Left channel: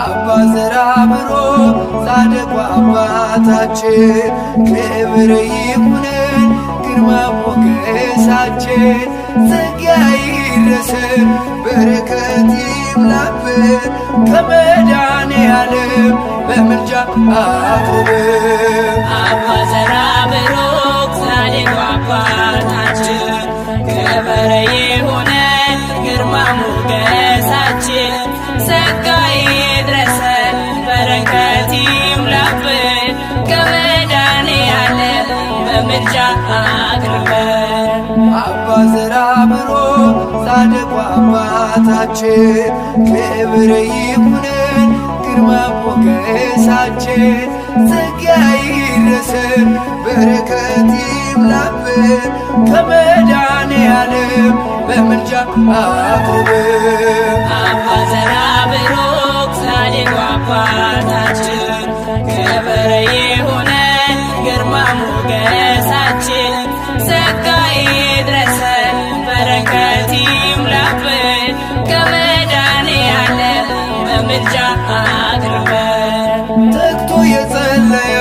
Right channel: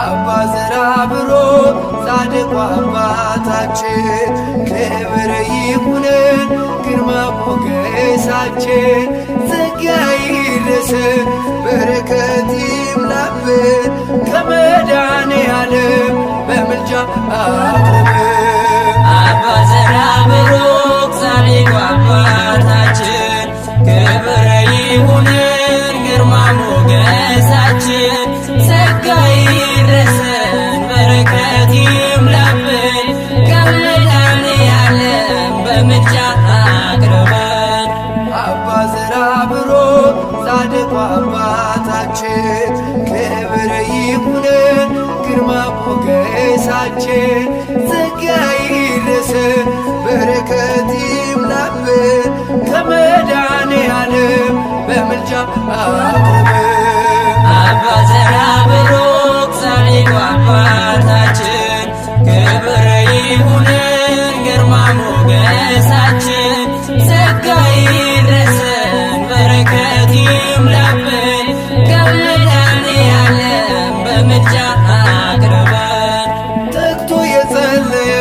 አባ ዘራብሩክ ጻድቁ አባታችን ክብር ይሁነን ግርማ ሞገሳችን ጸጋ ይድረሰን በረከት ይምላብን ከመድኃኔዓለም በምልጃ አቅርበን። አባ ዘራብሩክ ጻድቁ አባታችን ክብር ይሁነን ግርማ ሞገሳችን ጸጋ ይድረሰን በረከት ይምላብን ከመድኃኔዓለም በምልጃ አቅርበን። አባ ዘራብሩክ ጻድቁ አባታችን ክብር ይሁነን ግርማ ሞገሳችን ጸጋ ይድረሰን በረከት ይምላብን ከመድኃኔዓለም በምልጃ አቅርበን። አባ ዘራብሩክ ጻድቁ አባታችን ክብር ይሁነን ግርማ ሞገሳችን ጸጋ ይድረሰን በረከት ይምላብን ከመድኃኔዓለም በምልጃ አቅርበን። ተግቶ የጸለየ